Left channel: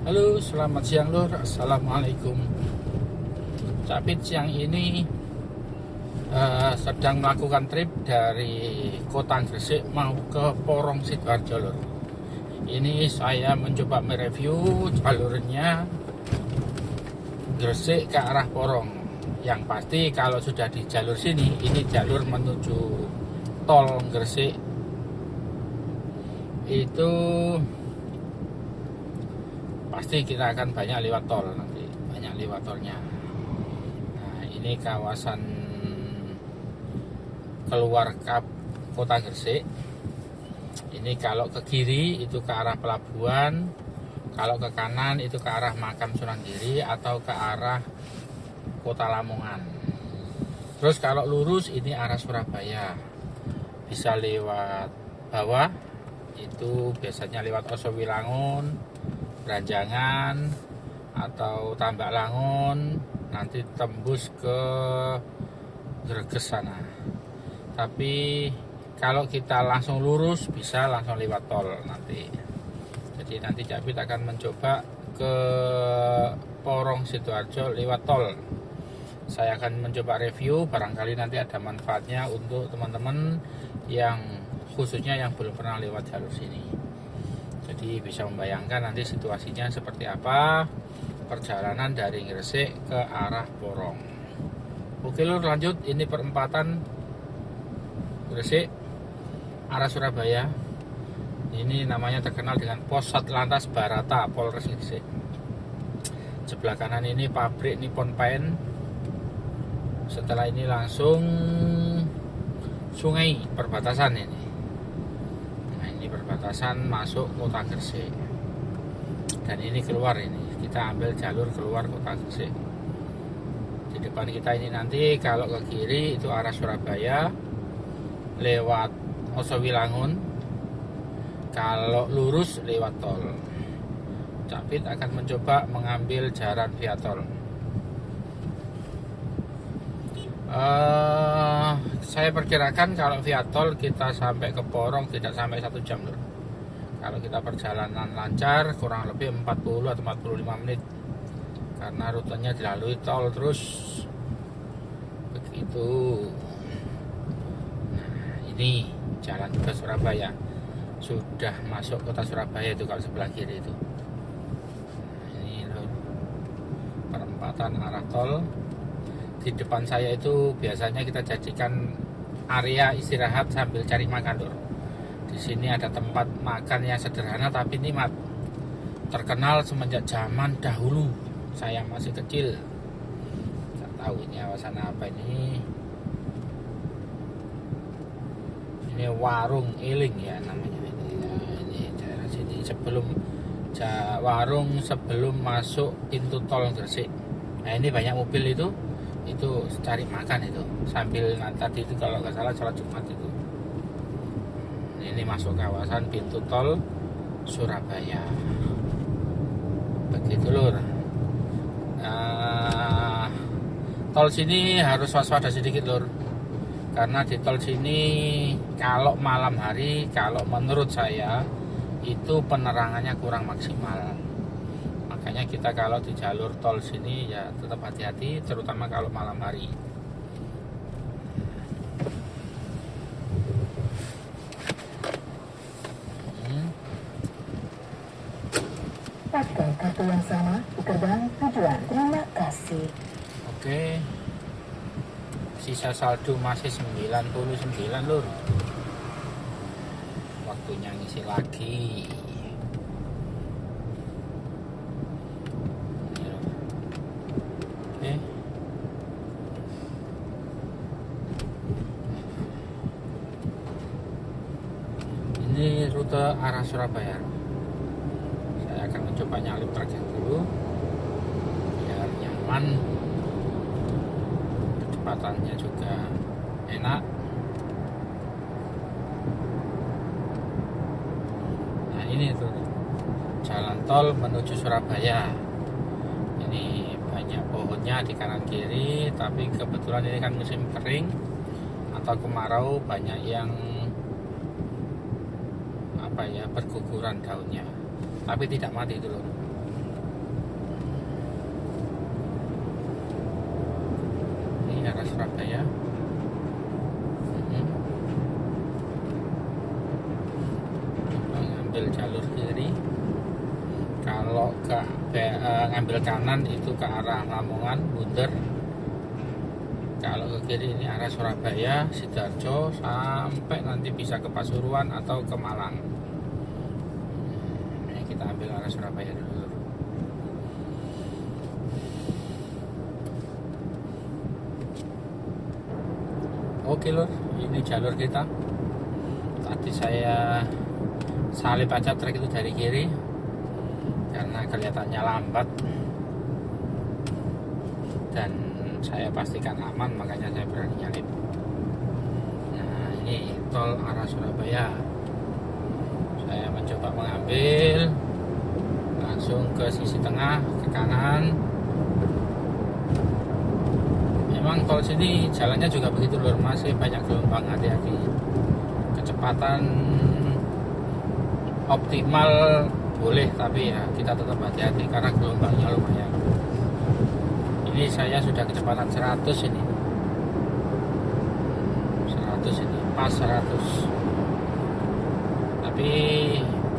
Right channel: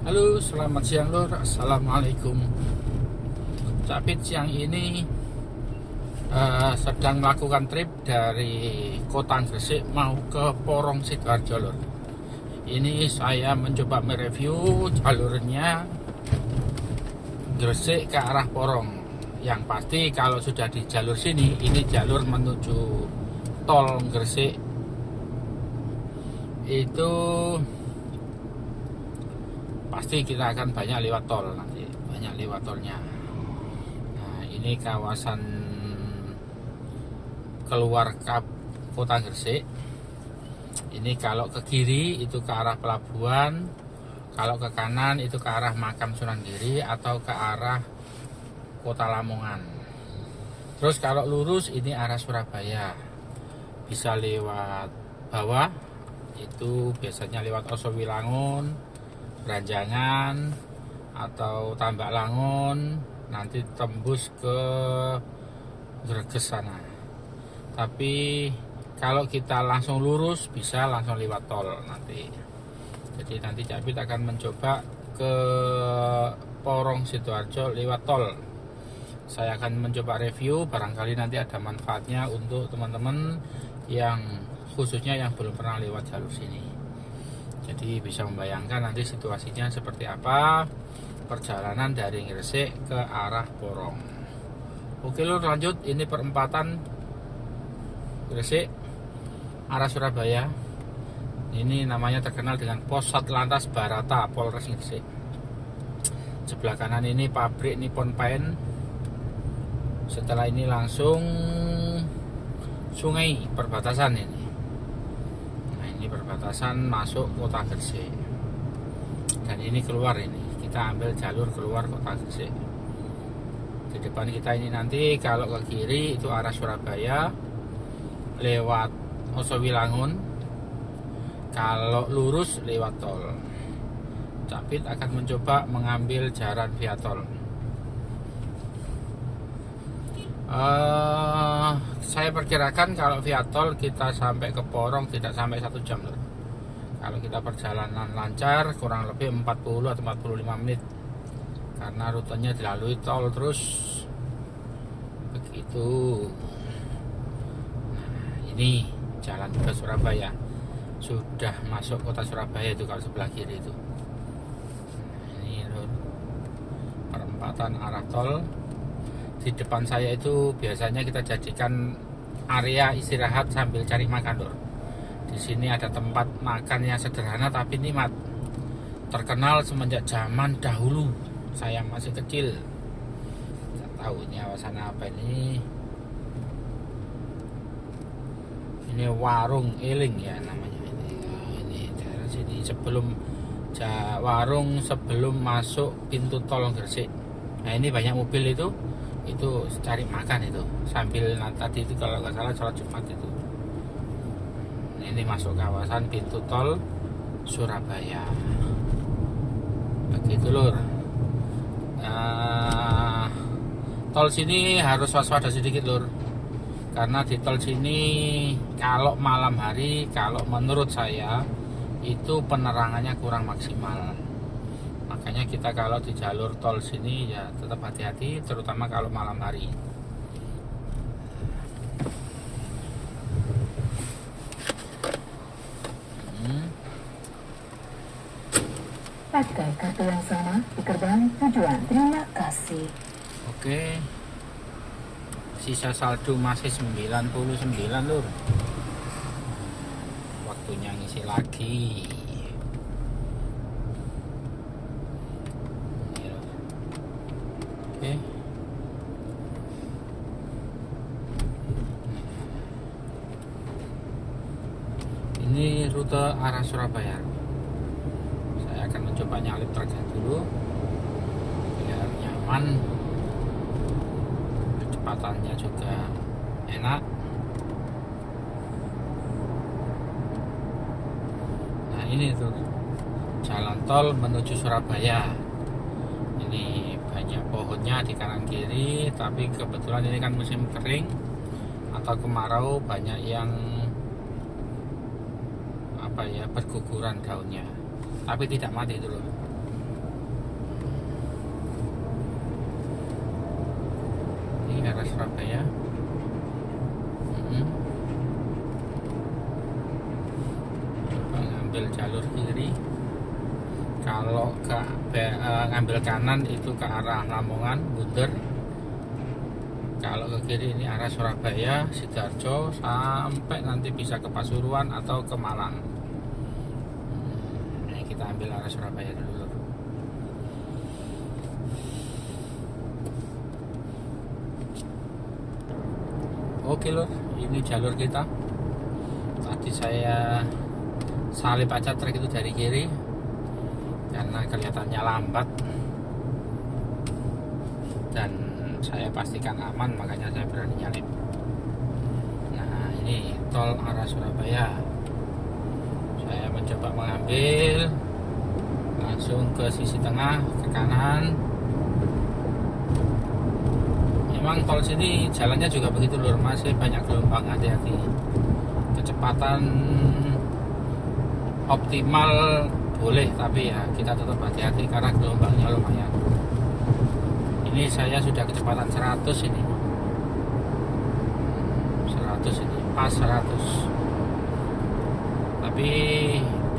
Halo, selamat siang Lur. Assalamualaikum. Capit siang ini sedang melakukan trip dari Kota Gresik mau ke Porong Sidoarjo Lur. Ini saya mencoba mereview jalurnya Gresik ke arah Porong. Yang pasti kalau sudah di jalur sini, ini jalur menuju tol Gresik itu pasti kita akan banyak lewat tol nanti, banyak lewat tolnya. Nah, ini kawasan keluar Kota Gresik. Ini kalau ke kiri itu ke arah pelabuhan, kalau ke kanan itu ke arah Makam Sunan Giri atau ke arah Kota Lamongan. Terus kalau lurus ini arah Surabaya, bisa lewat bawah, itu biasanya lewat Osowilangun, Ranjangan atau Tambak Langun, nanti tembus ke Greges sana. Tapi kalau kita langsung lurus bisa langsung lewat tol nanti. Jadi nanti Capit akan mencoba ke Porong Sidoarjo lewat tol. Saya akan mencoba review, barangkali nanti ada manfaatnya untuk teman-teman yang khususnya yang belum pernah lewat jalur sini. Jadi bisa membayangkan nanti situasinya seperti apa perjalanan dari Gresik ke arah Porong. Oke Lur, lanjut. Ini perempatan Gresik arah Surabaya. Ini namanya terkenal dengan Pos Satlantas Barata Polres Gresik. Sebelah kanan ini pabrik Nippon Paint. Setelah ini langsung sungai perbatasan ini. Perbatasan masuk Kota Gresik, dan ini keluar, ini kita ambil jalur keluar Kota Gresik. Di depan kita ini nanti kalau ke kiri itu arah Surabaya lewat Osowilangun, kalau lurus lewat tol. Capit akan mencoba mengambil jalan via tol. Saya perkirakan kalau via tol kita sampai ke Porong tidak sampai 1 jam. Kalau kita perjalanan lancar kurang lebih 40 atau 45 menit, karena rutenya dilalui tol terus begitu. Nah, ini jalan ke Surabaya, sudah masuk kota Surabaya itu kalau sebelah kiri itu. Ini perempatan arah tol. Di depan saya itu biasanya kita jadikan area istirahat sambil cari makan Lur. Di sini ada tempat makan yang sederhana tapi nikmat. Terkenal semenjak zaman dahulu saya masih kecil. Nggak tahu ini kawasan apa ini. Ini Warung Eling ya namanya ini. Nah, ini daerah sini warung sebelum masuk pintu tol Gresik. Nah, ini banyak mobil itu cari makan itu sambil tadi itu kalau nggak salah sholat Jumat itu. Ini masuk kawasan pintu tol Surabaya begitu Lur. Tol sini harus waspada sedikit Lur, karena di tol sini kalau malam hari, kalau menurut saya itu penerangannya kurang maksimal. Makanya kita kalau di jalur tol sini ya tetap hati-hati, terutama kalau malam hari. Pakai kartu yang sama di gerbang tujuan. Terima kasih. Oke. Sisa saldo masih 99 Lur. Waktunya ngisi lagi. Oke. Ini rute arah Surabaya. Saya akan mencoba nyalip truknya dulu biar nyaman, kecepatannya juga enak. Nah ini tuh jalan tol menuju Surabaya. Ini banyak pohonnya di kanan kiri, tapi kebetulan ini kan musim kering atau kemarau, banyak yang berguguran daunnya, tapi tidak mati dulu. ini ke arah Surabaya. Ngambil jalur kiri. Kalau ngambil kanan itu ke arah Lamongan, Bunder. Kalau ke kiri ini arah Surabaya, Sidoarjo, sampai nanti bisa ke Pasuruan atau ke Malang. Ini kita ambil arah Surabaya dulu. Oke lur, ini jalur kita. Tadi saya salip aja trek itu dari kiri karena kelihatannya lambat, dan saya pastikan aman, makanya saya berani nyalip. Nah, ini tol arah Surabaya. Saya mencoba mengambil langsung ke sisi tengah, ke kanan. Memang tol sini jalannya juga begitu lur, masih banyak gelombang, hati-hati. Kecepatan optimal boleh, tapi ya kita tetap hati-hati karena gelombangnya lumayan. Ini saya sudah kecepatan 100 ini. 100 ini, pas 100. Tapi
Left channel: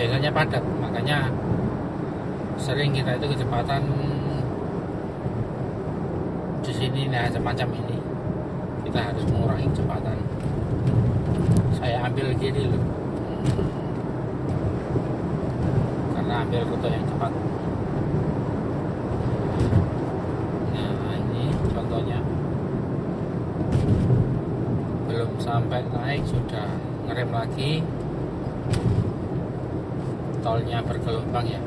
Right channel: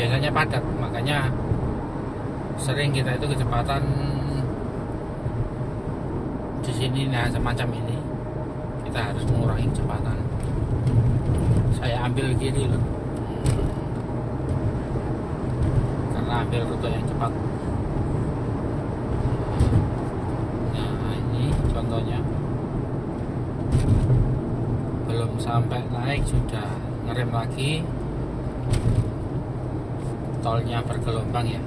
biasanya padat, makanya sering kita itu kecepatan di sini, nah semacam ini. Kita harus mengurangi kecepatan. Saya ambil kiri loh. Karena ambil rute yang cepat. Belum sampai naik sudah ngerem lagi. Tolnya bergelombang ya.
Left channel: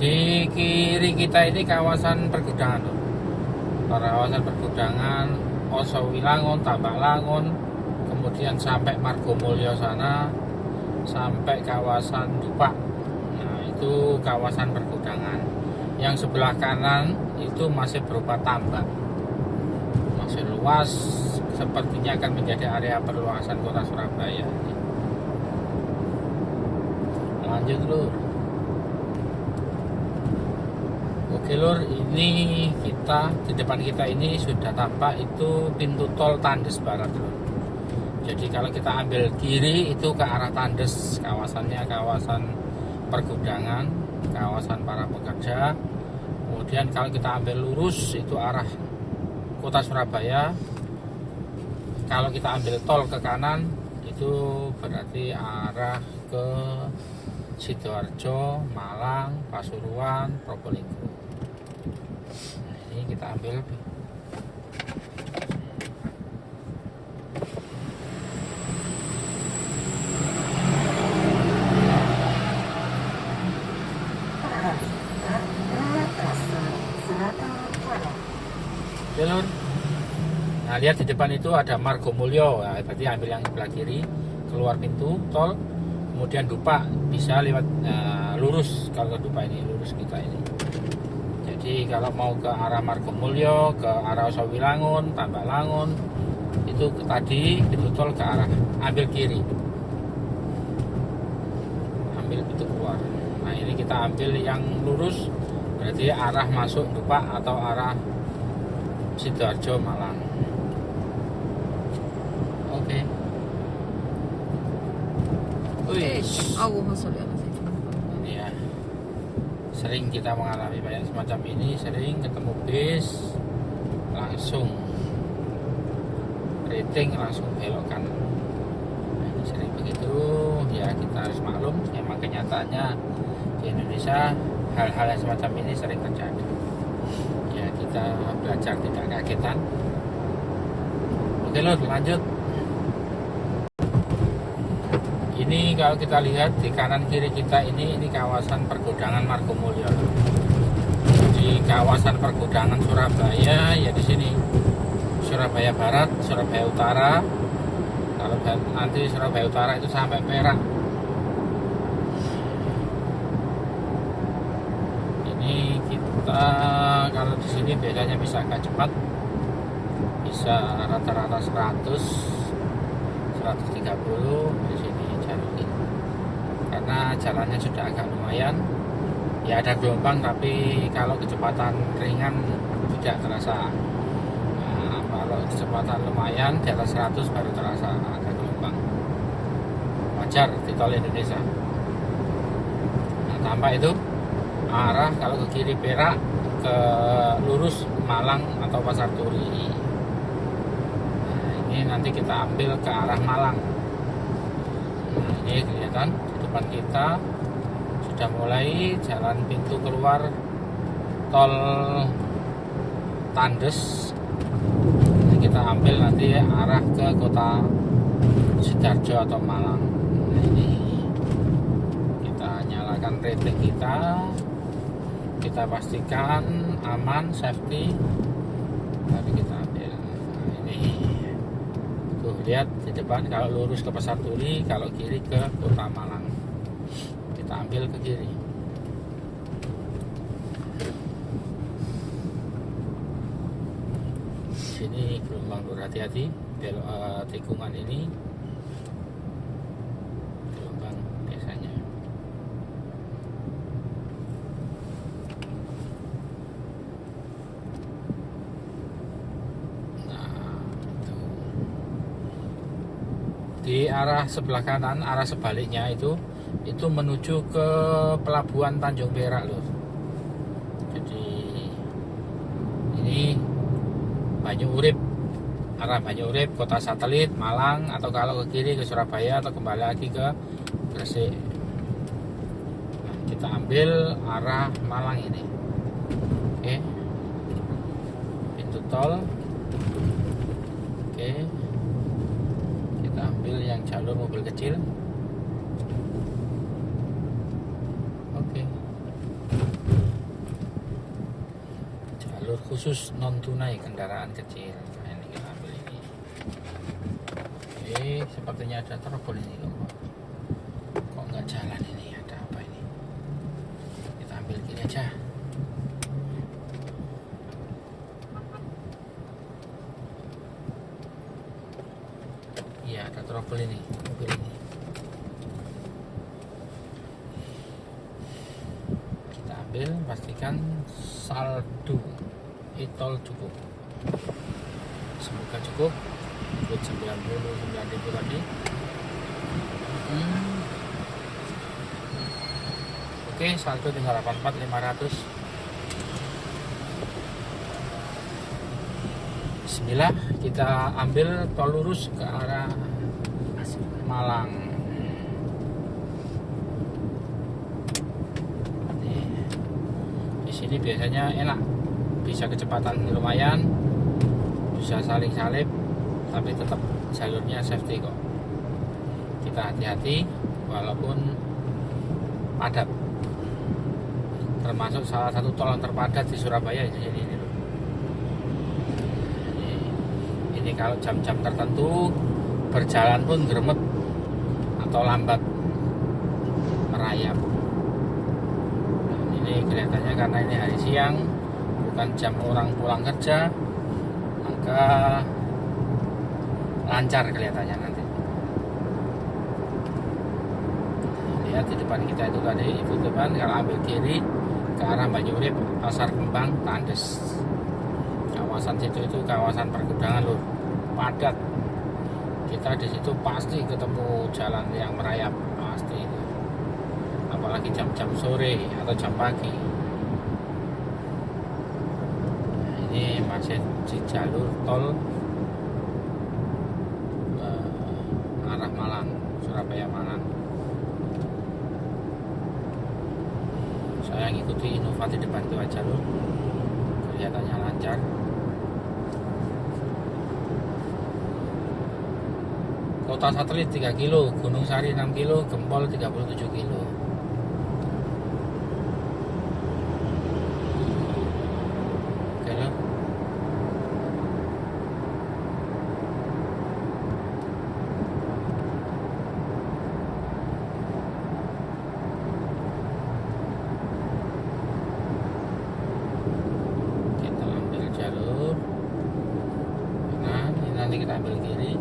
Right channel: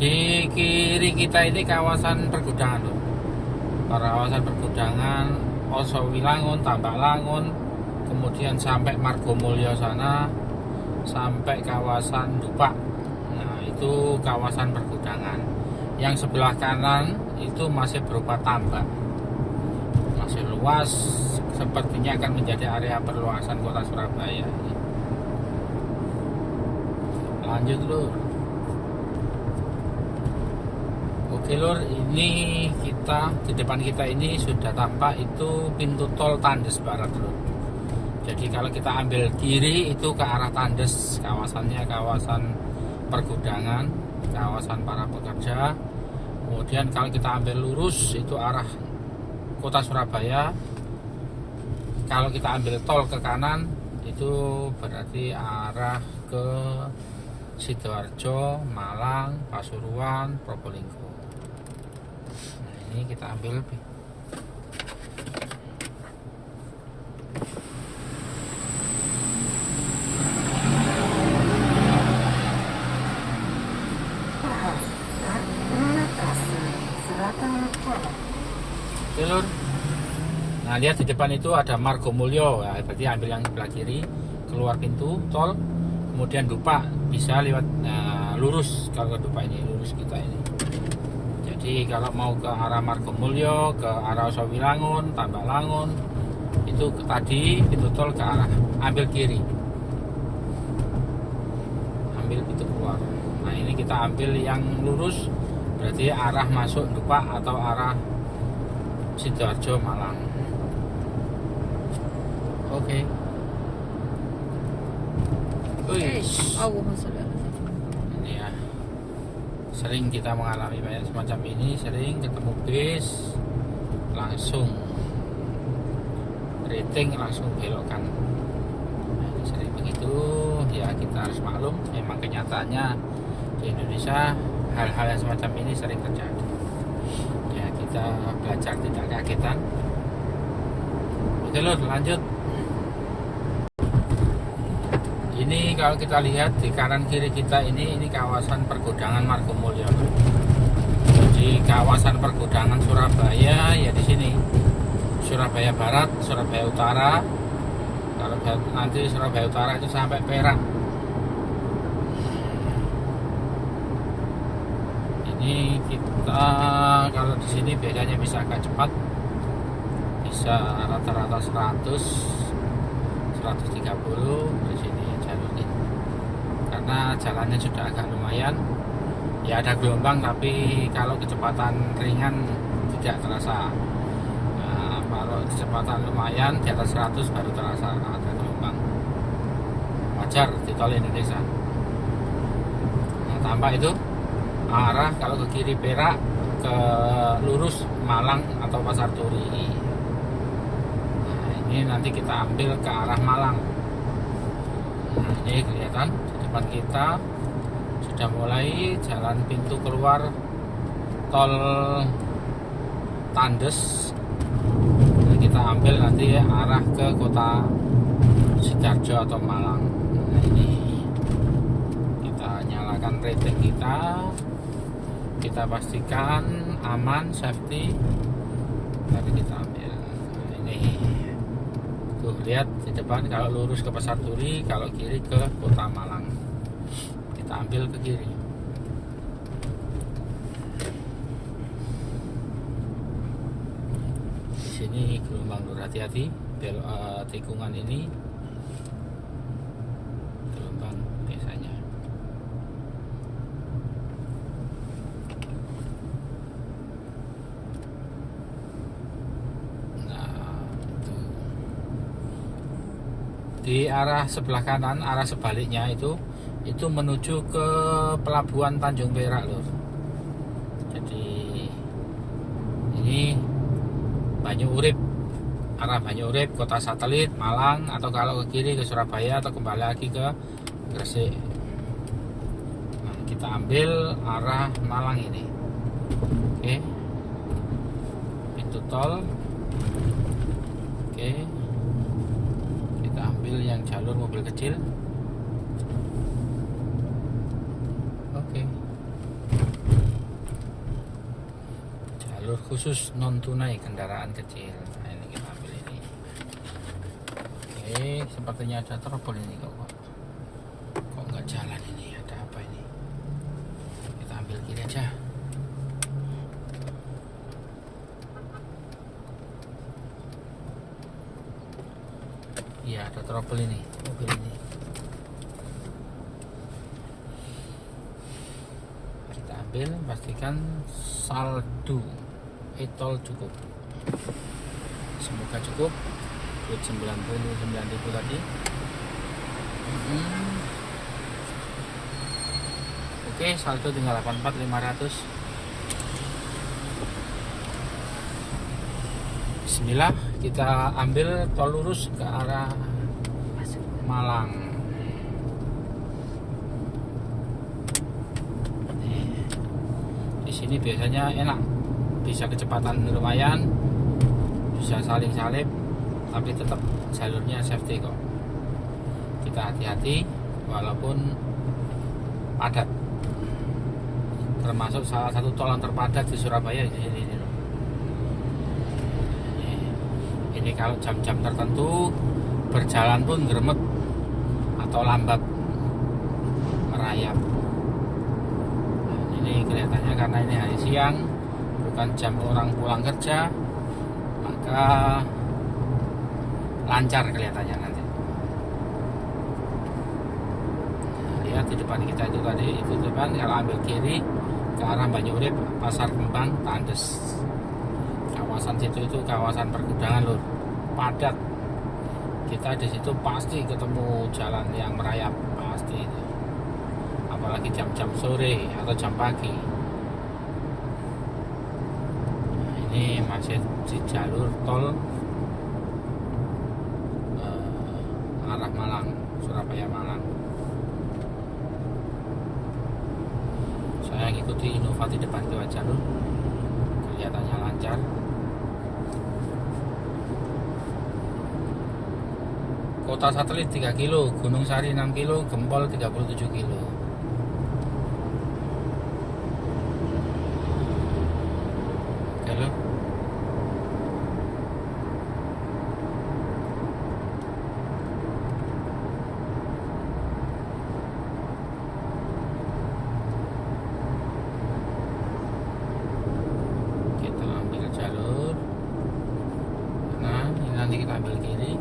Di kiri kita ini kawasan pergudangan, kawasan pergudangan, Osowilangun, Tambak Langun, kemudian sampai Margomulyo sana, sampai kawasan Dupak. Nah, itu kawasan pergudangan. Yang sebelah kanan itu masih berupa tambak, masih luas, sepertinya akan menjadi area perluasan kota Surabaya. Lanjut lur. Oke lur, ini kita di depan kita ini sudah tampak itu pintu tol Tandes Barat lur. Jadi kalau kita ambil kiri itu ke arah Tandes, kawasannya kawasan pergudangan, kawasan para pekerja. Kemudian kalau kita ambil lurus itu arah kota Surabaya. Kalau kita ambil tol ke kanan itu berarti arah ke Sidoarjo, Malang, Pasuruan, Probolinggo. Nah, ini kita ambil jalur. Nah, lihat di depan itu ada Margomulyo. Nah, berarti ambil yang sebelah kiri, keluar pintu tol, kemudian Dupak bisa lewat lurus. Kalau ke Dupak ini lurus kita ini. Jadi kalau mau ke arah Margomulyo, ke arah Osowilangun, Tambak Langun, itu tadi pintu tol ke arah ambil kiri, ambil pintu keluar. Nah, ini kita ambil yang lurus, berarti arah masuk Dupak atau arah Sidoarjo, Malang. Oke. Wih, ini ya. Sering kita mengalami banyak semacam ini, sering ketemu bis langsung rating langsung belokkan. Nah, ini sering begitu ya, kita harus maklum. Memang kenyataannya di Indonesia hal-hal yang semacam ini sering terjadi. Ya, kita belajar tidak kagetan. Oke lur, lanjut. Ini kalau kita lihat di kanan kiri kita ini kawasan pergudangan Margomulyo. Di kawasan pergudangan Surabaya ya di sini. Surabaya Barat, Surabaya Utara. Kalau nanti Surabaya Utara itu sampai Perak. Ini kita kalau di sini bedanya bisa agak cepat, bisa rata-rata 100, 130 di sini karena jalannya sudah agak lumayan. Ya ada gelombang, tapi kalau kecepatan ringan tidak terasa. Nah, kalau kecepatan lumayan di atas 100 baru terasa ada gelombang. Wajar di tol Indonesia. Nah, tampak itu arah kalau ke kiri Perak, ke lurus Malang atau Pasar Turi. Nah, ini nanti kita ambil ke arah Malang. Nah, ini kelihatan di depan kita sudah mulai jalan pintu keluar tol Tandes. Nah, kita ambil nanti arah ke kota Sidoarjo atau Malang. Nah, ini kita nyalakan rating kita pastikan aman, safety, baru kita ambil. Nah, ini tuh lihat di depan, kalau lurus ke Pasar Turi, kalau kiri ke kota Malang. Kita ambil ke kiri. Sini gelombang, berhati-hati tikungan ini gelombang biasanya. Di arah sebelah kanan, arah sebaliknya itu menuju ke pelabuhan Tanjung Perak loh. Jadi ini Banyuurip, arah Banyuurip, kota satelit Malang, atau kalau ke kiri ke Surabaya atau kembali lagi ke Gresik. Nah, kita ambil arah Malang ini. Oke, pintu tol. Oke, kita ambil yang jalur mobil kecil. Oke, jalur khusus non tunai kendaraan kecil. Nah, ini kita ambil ini. Oke, sepertinya ada trouble ini kok nggak jalan ini, ada apa ini? Kita ambil kiri aja. Iya, ada trouble ini mobil ini. Kita ambil, pastikan saldo e-tol cukup. Semoga cukup. Duit 99.000 tadi. Oke, saldo tinggal 84.500. Bismillah, kita ambil tol lurus ke arah Malang. Di sini biasanya enak, bisa kecepatan lumayan, bisa saling salip, tapi tetap jalurnya safety kok. Kita hati-hati walaupun padat. Termasuk salah satu tol yang terpadat di Surabaya di sini. Ini kalau jam-jam tertentu berjalan pun gremet atau lambat merayap. Nah, ini kelihatannya karena ini hari siang, bukan jam orang pulang kerja, maka lancar kelihatannya nanti. Lihat di depan kita itu tadi, itu depan, kalau ambil kiri ke arah Banyuurip, Pasar Kembang, Tandes. Kawasan situ itu kawasan pergudangan loh, padat. Kita di situ pasti ketemu jalan yang merayap, pasti. Apalagi jam-jam sore atau jam pagi. Nah, ini masih di jalur tol arah Malang, Surabaya Malang. Saya ngikuti Innova di depan itu aja loh, kelihatannya lancar. Kota satelit 3 kilo, Gunung Sari 6 kilo, Gempol 37 kilo. Oke loh. Kita ambil jalur. Nah, ini nanti kita ambil kiri.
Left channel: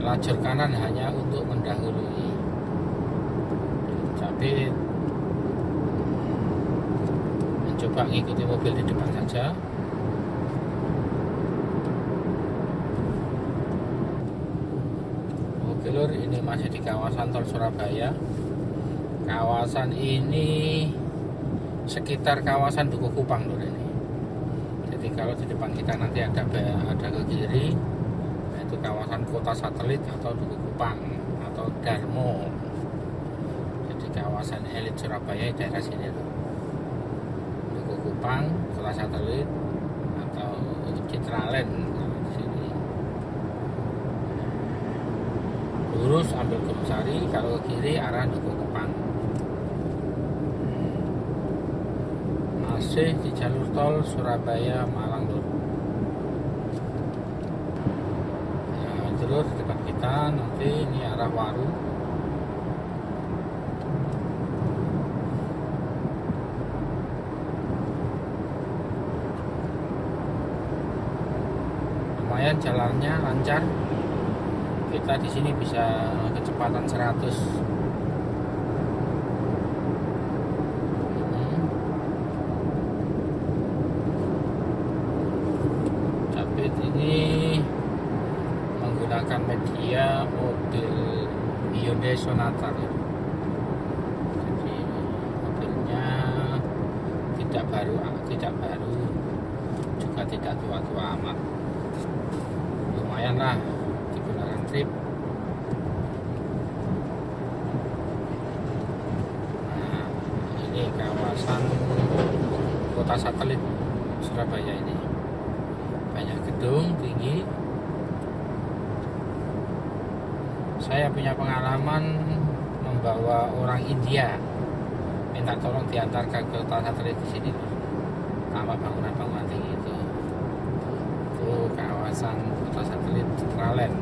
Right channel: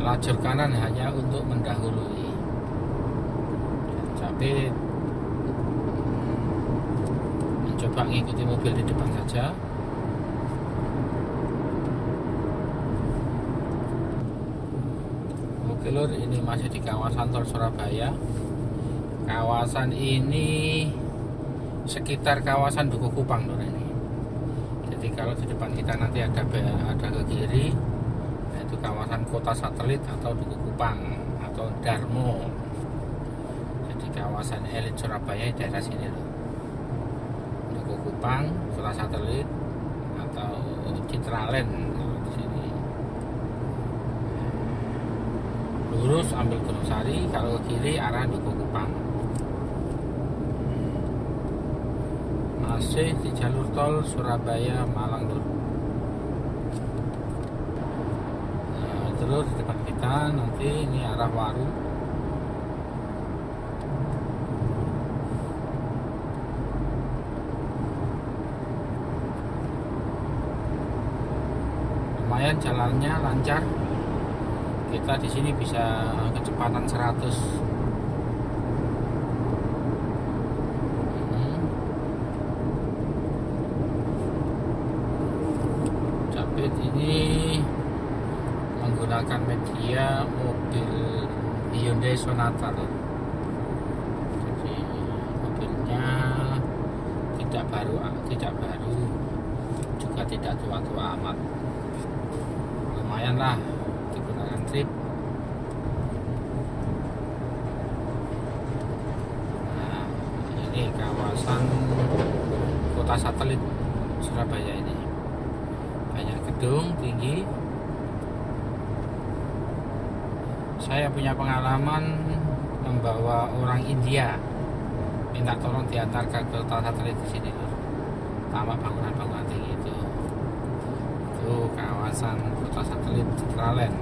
Lajur kanan hanya untuk mendahului. nanti mencoba ngikuti mobil di depan saja. Oke lur, ini masih di kawasan Tol Surabaya. Kawasan ini sekitar kawasan Duku Kupang lur ini. Jadi kalau di depan kita nanti ada ke kiri, yaitu kawasan kota satelit atau Duku Kupang atau Darmo. Jadi kawasan elit Surabaya di daerah sini loh. Duku Kupang, kota satelit atau Citraland di sini. Lurus ambil Gunung Sari, kalau ke kiri arah Duku Kupang. Masih di jalur tol Surabaya Malang lur. Nah, terus di depan kita nanti ini arah Waru. Lumayan jalannya lancar. Kita di sini bisa kecepatan 100. Capit ini menggunakan media mobil Hyundai Sonata. Jadi mobilnya tidak baru, juga tidak tua-tua amat. Lumayan lah digunakan trip. Nah, ini kawasan kota satelit Surabaya ini. Banyak gedung tinggi. Saya punya pengalaman membawa orang India minta tolong diantar ke kota satelit di sini. Sama bangunan-bangunan tinggi itu kawasan kota satelit Citraland.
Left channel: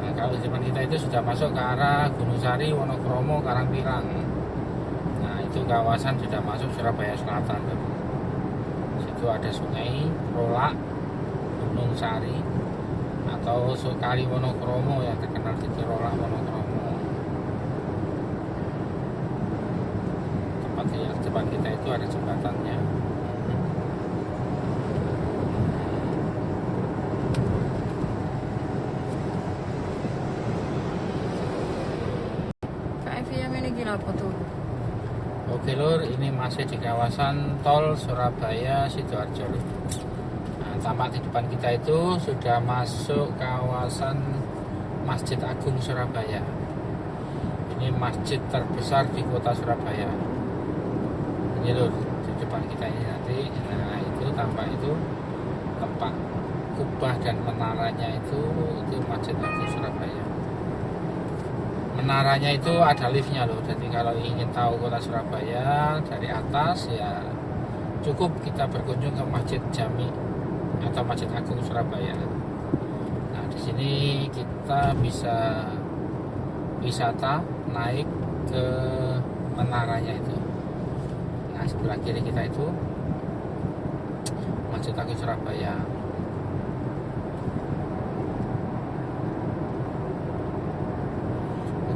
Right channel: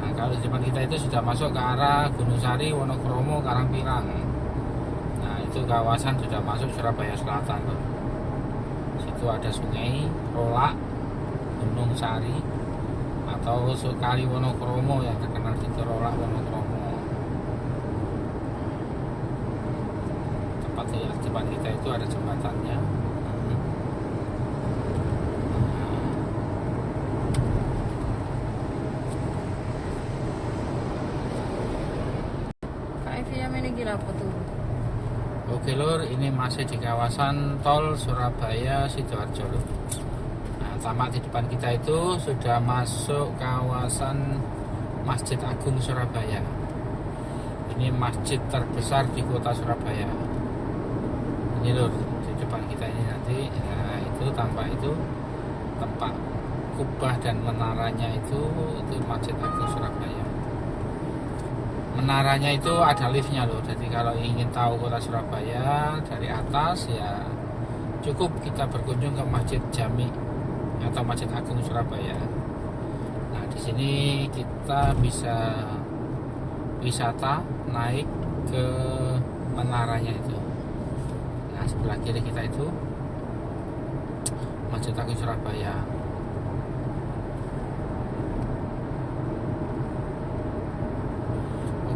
Nah, kalau di depan kita itu sudah masuk ke arah Gunung Sari, Wonokromo, Karangpirang. Nah, itu kawasan sudah masuk Surabaya Selatan. Situ ada Sungai Rolak, Gunung Sari atau Kali Wonokromo yang terkenal di Rolak Wonokromo. Tempat di depan kita itu ada jembatannya. Oke lur, ini masih di kawasan tol Surabaya Sidoarjo. Nah, tampak di depan kita itu sudah masuk kawasan Masjid Agung Surabaya. Ini masjid terbesar di kota Surabaya. Ini lur, di depan kita ini nanti, nah itu tampak itu tempat kubah dan menaranya itu Masjid Agung Surabaya. Menaranya itu ada liftnya loh. Jadi kalau ingin tahu kota Surabaya dari atas ya cukup kita berkunjung ke Masjid Jami atau Masjid Agung Surabaya. Nah di sini kita bisa wisata naik ke menaranya itu. Nah sebelah kiri kita itu Masjid Agung Surabaya.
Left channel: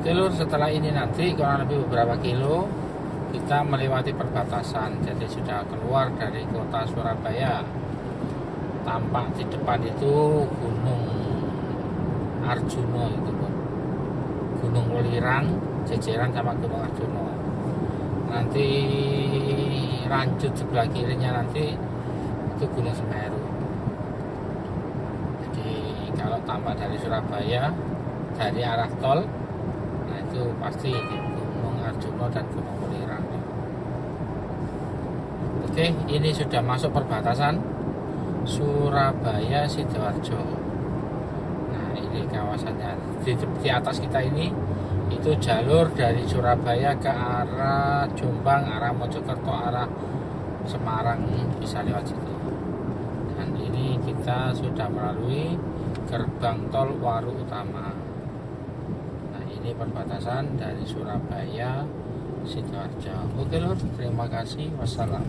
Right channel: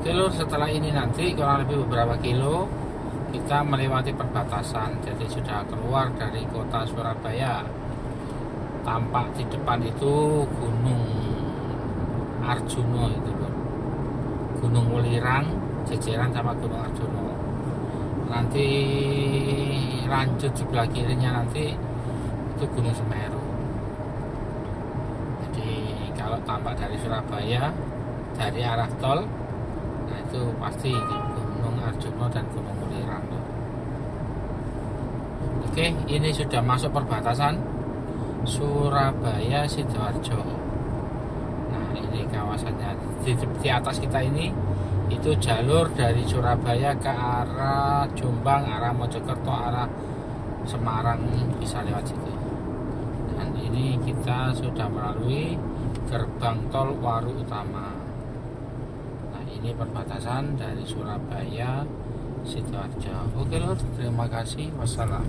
Oke lur, setelah ini nanti kurang lebih beberapa kilo kita melewati perbatasan. Jadi sudah keluar dari kota Surabaya. Tampak di depan itu Gunung Arjuno itu, Gunung Welirang jejeran sama Gunung Arjuno. Nanti lanjut sebelah kirinya nanti itu Gunung Semeru. Jadi kalau tampak dari Surabaya dari arah tol, itu pasti Gunung Arjuno dan Gunung Welirang. Oke, ini sudah masuk perbatasan Surabaya Sidoarjo. Nah ini kawasannya di atas kita ini itu jalur dari Surabaya ke arah Jombang, arah Mojokerto, arah Semarang bisa lewat situ. Dan ini kita sudah melalui gerbang tol Waru Utama. Ini perbatasan dari Surabaya Sidoarjo. Oke lur, terima kasih. Wassalam.